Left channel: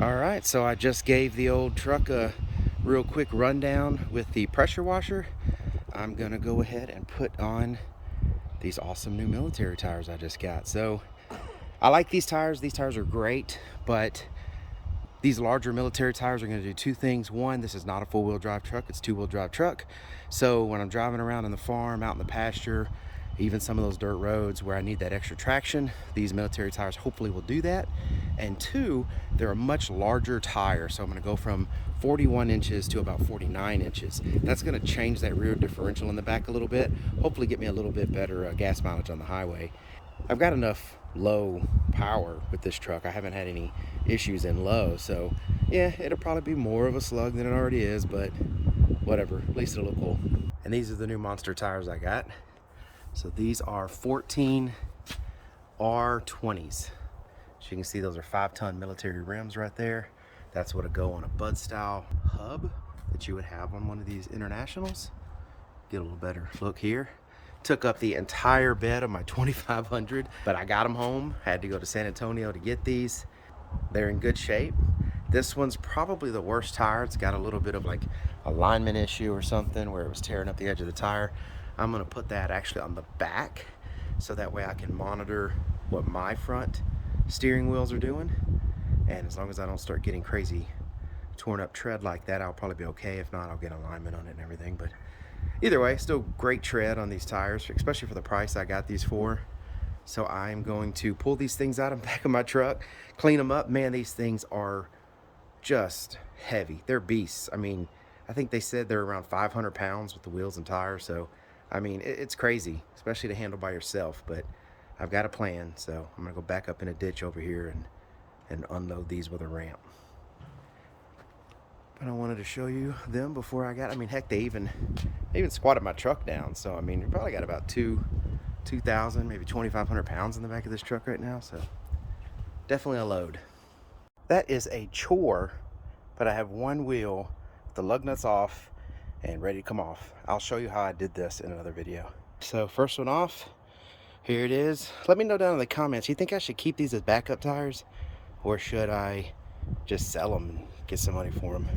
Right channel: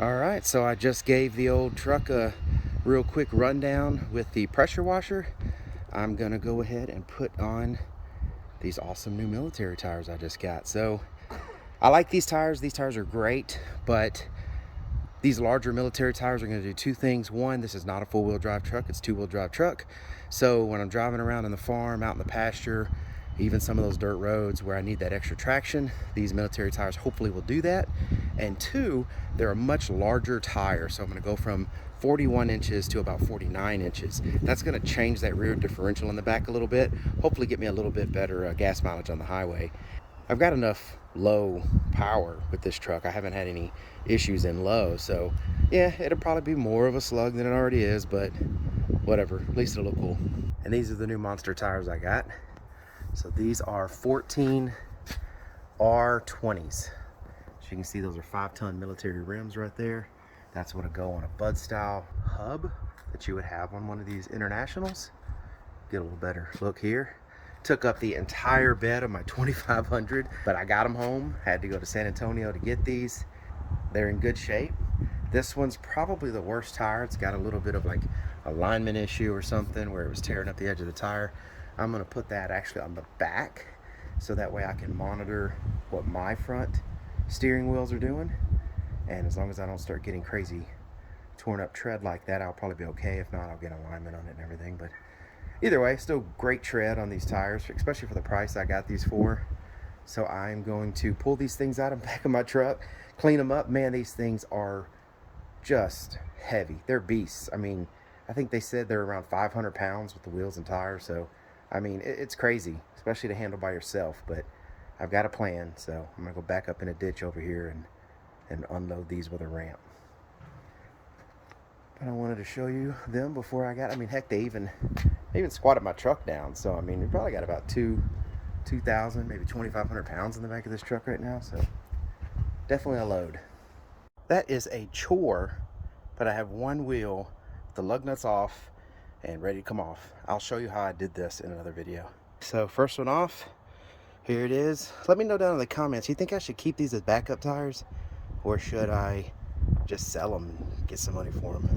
All right, so I just gave the old truck a real quick rundown with the pressure washer. I'm gonna go ahead and put on these awesome new military tires I just got. So I like these tires. These tires are great, but these larger military tires are going to do two things. One, this is not a four-wheel drive truck, it's a two-wheel drive truck. So when I'm driving around in the farm, out in the pasture, even some of those dirt roads where I need that extra traction, these military tires hopefully will do that. And two, they're a much larger tire. So I'm going to go from 41 inches to about 49 inches. That's going to change that rear differential in the back a little bit, hopefully get me a little bit better gas mileage on the highway. I've got enough low power with this truck. I haven't had any issues in low, so yeah, it'll probably be more of a slug than it already is, but whatever, at least it'll look cool. And these are the new monster tires I got. So these are 14 R20s. As you can see, those are 5-ton military rims right there. That's what'll go on a Bud style hub that you would have on one of these internationals. Get a little better look here. Took up the entire bed of my 2500, but I got them home. Had to go to San Antonio to get these. They're in good shape. This one's probably the worst tire. It's got a little bit of like alignment issue or something where it was tearing up the edge of the tire. I'm gonna put that actually on the back so that way I can monitor what my front steering wheels are doing. And as long as I don't start getting crazy torn up tread like that, I'll probably be okay. If not, I'll get alignment on it and everything. But either way, still great tread on these tires, especially for the price I got these for. So I'm going to pull these things out of the back of my truck, clean them up. Man, these things are just heavy. They're beasts. I mean, I think they said they're around 500 pounds with the wheels and tires. So, I mean, it's crazy, especially to handle by yourself. But I've got a plan. So I'm going to go back up in a ditch over here and unload these with a ramp. But I wanted to show you them before I got, I mean, heck, they even squatted my truck down. So, I mean, we probably got about 2,000, maybe 2,500 pounds in the back of this truck right now. So definitely a load. That is a chore, but I have one wheel, the lug nuts off and ready to come off. I'll show you how I did this in another video. So first one off, here it is. Let me know down in the comments, you think I should keep these as backup tires or should I just sell them and get some money for them?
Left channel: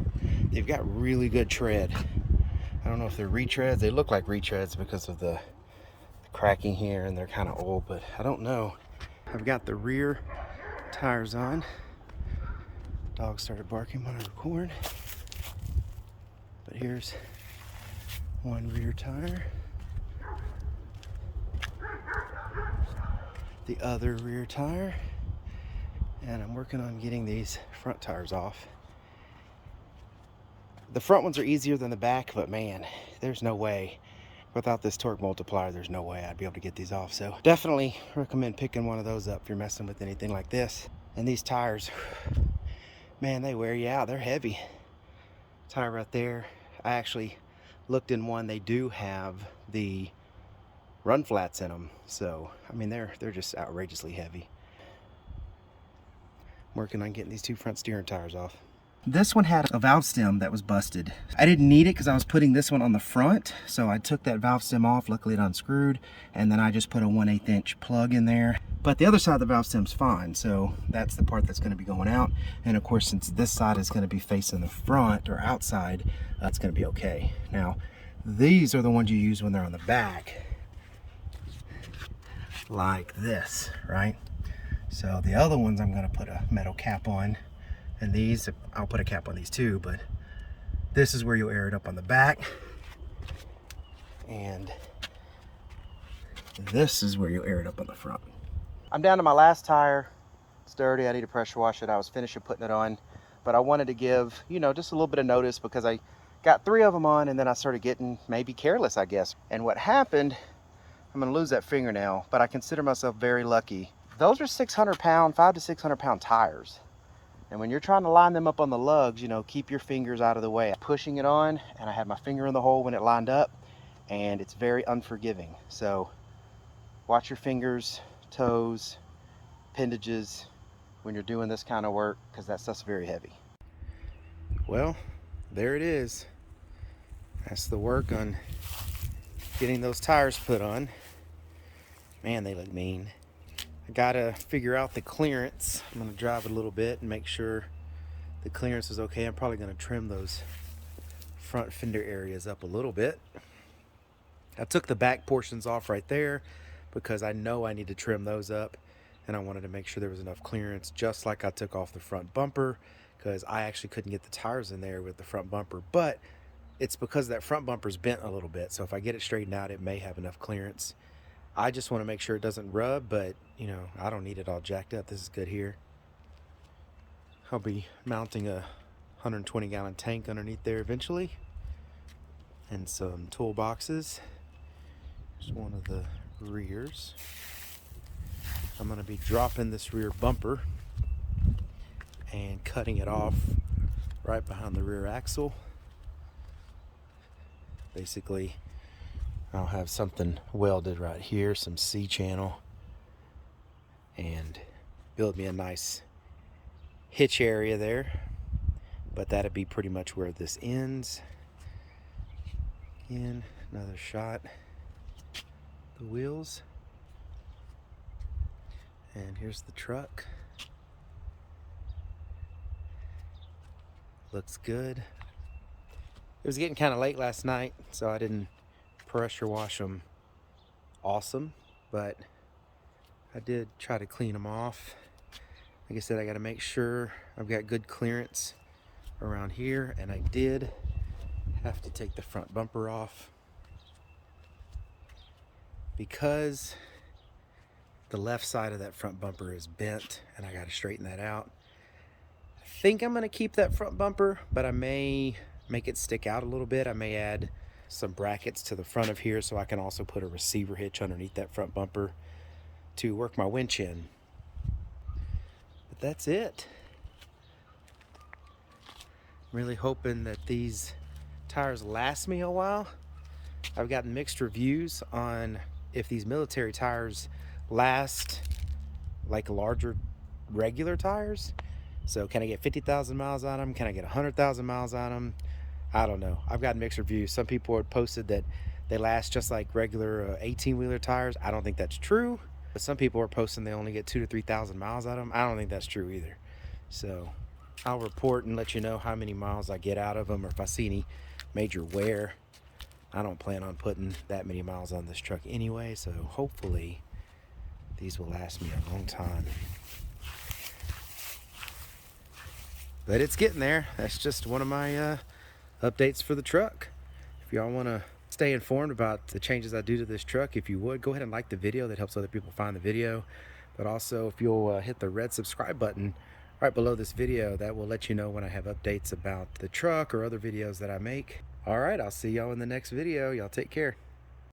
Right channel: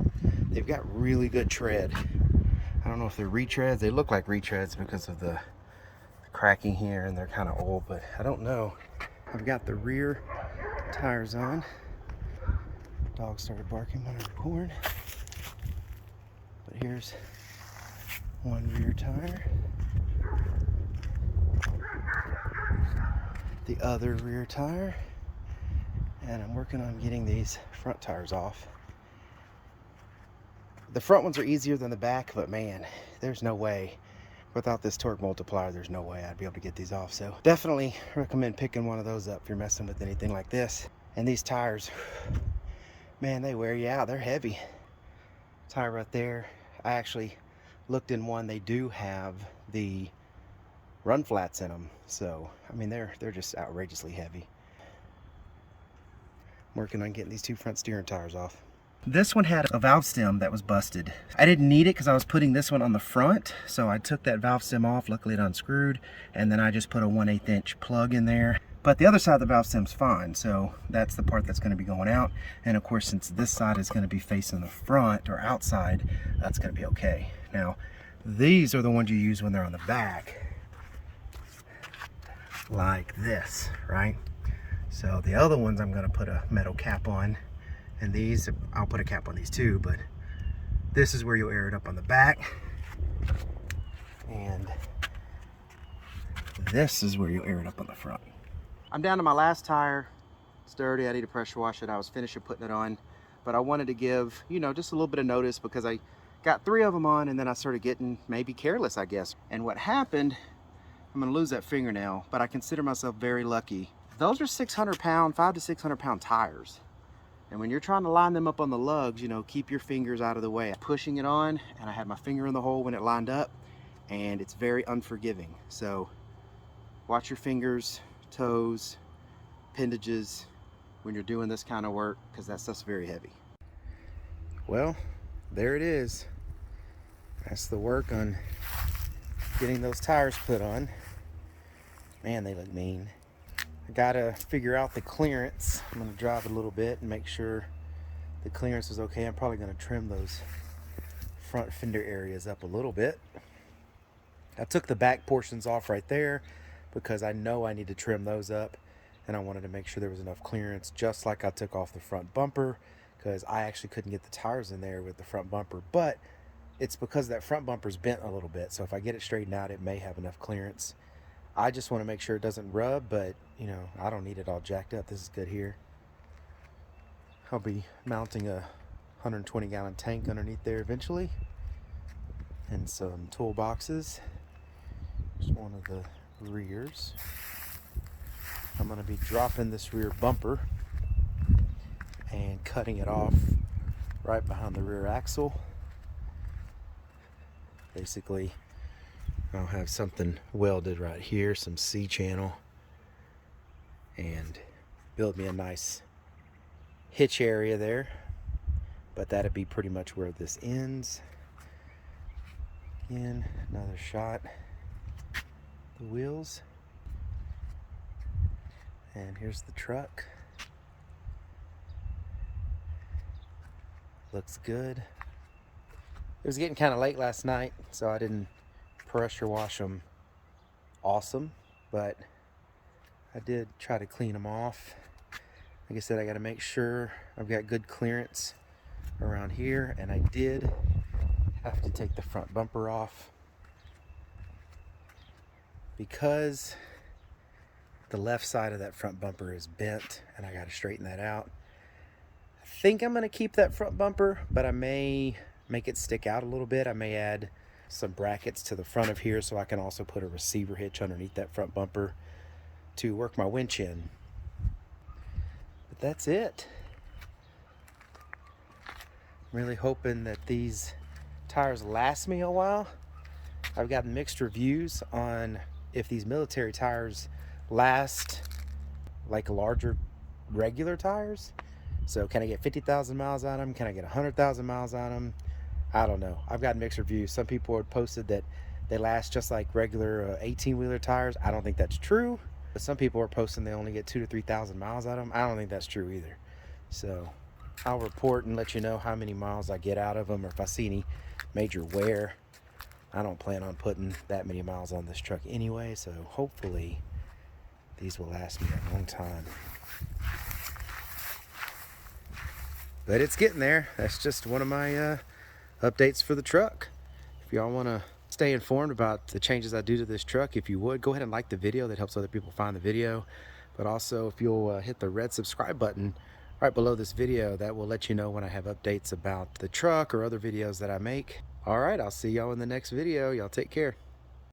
They've got really good tread. I don't know if they're retreads. They look like retreads because of the cracking here and they're kind of old, but I don't know. I've got the rear tires on. Dog started barking when I record. But here's one rear tire. The other rear tire. And I'm working on getting these front tires off. The front ones are easier than the back, but man, there's no way. Without this torque multiplier, there's no way I'd be able to get these off. So definitely recommend picking one of those up if you're messing with anything like this. And these tires, man, they wear you out. They're heavy. Tire right there. I actually looked in one. They do have the run flats in them. So, I mean, they're just outrageously heavy. I'm working on getting these two front steering tires off. This one had a valve stem that was busted. I didn't need it because I was putting this one on the front. So I took that valve stem off, luckily it unscrewed. And then I just put a 1/8 inch plug in there. But the other side of the valve stem's fine. So that's the part that's gonna be going out. And of course, since this side is gonna be facing the front or outside, that's gonna be okay. Now, these are the ones you use when they're on the back. Like this, right? So the other ones I'm gonna put a metal cap on. And these, I'll put a cap on these too, but this is where you'll air it up on the back. And this is where you'll air it up on the front. I'm down to my last tire. It's dirty, I need to pressure wash it. I was finishing putting it on, but I wanted to give, you know, just a little bit of notice because I got 3 of them on and then I started getting maybe careless, I guess. And what happened, I'm gonna lose that fingernail, but I consider myself very lucky. Those are 600 pound, 500 to 600 pound tires. And when you're trying to line them up on the lugs, you know, keep your fingers out of the way. Pushing it on, and I had my finger in the hole when it lined up, and it's very unforgiving. So watch your fingers, toes, appendages when you're doing this kind of work, because that stuff's very heavy. Well, there it is. That's the work on getting those tires put on. Man, they look mean. I gotta figure out the clearance. I'm gonna drive a little bit and make sure The clearance was okay. I'm probably gonna trim those front fender areas up a little bit. I took the back portions off right there because I know I need to trim those up, and I wanted to make sure there was enough clearance, just like I took off the front bumper, because I actually couldn't get the tires in there with the front bumper. But it's because that front bumper's bent a little bit, so if I get it straightened out, it may have enough clearance. I just want to make sure it doesn't rub, but you know, I don't need it all jacked up. This is good here. I'll be mounting a 120-gallon tank underneath there eventually, and some toolboxes. Here's one of the rears. I'm going to be dropping this rear bumper and cutting it off right behind the rear axle. Basically, I'll have something welded right here, some C-channel, and build me a nice hitch area there. But that'd be pretty much where this ends. Again, another shot. The wheels. And here's the truck. Looks good. It was getting kind of late last night, so I didn't pressure wash them awesome, but I did try to clean them off. Like I said, I got to make sure I've got good clearance around here, and I did have to take the front bumper off because the left side of that front bumper is bent, and I got to straighten that out. I think I'm going to keep that front bumper, but I may make it stick out a little bit. I may add some brackets to the front of here so I can also put a receiver hitch underneath that front bumper to work my winch in. But that's it. I'm really hoping that these tires last me a while. I've gotten mixed reviews on if these military tires last like larger regular tires. So can I get 50,000 miles on them? Can I get 100,000 miles on them? I don't know. I've got mixed reviews. Some people had posted that they last just like regular 18-wheeler tires. I don't think that's true. But some people are posting they only get 2,000 to 3,000 miles out of them. I don't think that's true either. So I'll report and let you know how many miles I get out of them, or if I see any major wear. I don't plan on putting that many miles on this truck anyway, so hopefully these will last me a long time. But it's getting there. That's just one of my updates for the truck. If y'all want to stay informed about the changes I do to this truck, if you would, go ahead and like the video. That helps other people find the video. But also, if you'll hit the red subscribe button right below this video, that will let you know when I have updates about the truck or other videos that I make. All right, I'll see y'all in the next video. Y'all take care.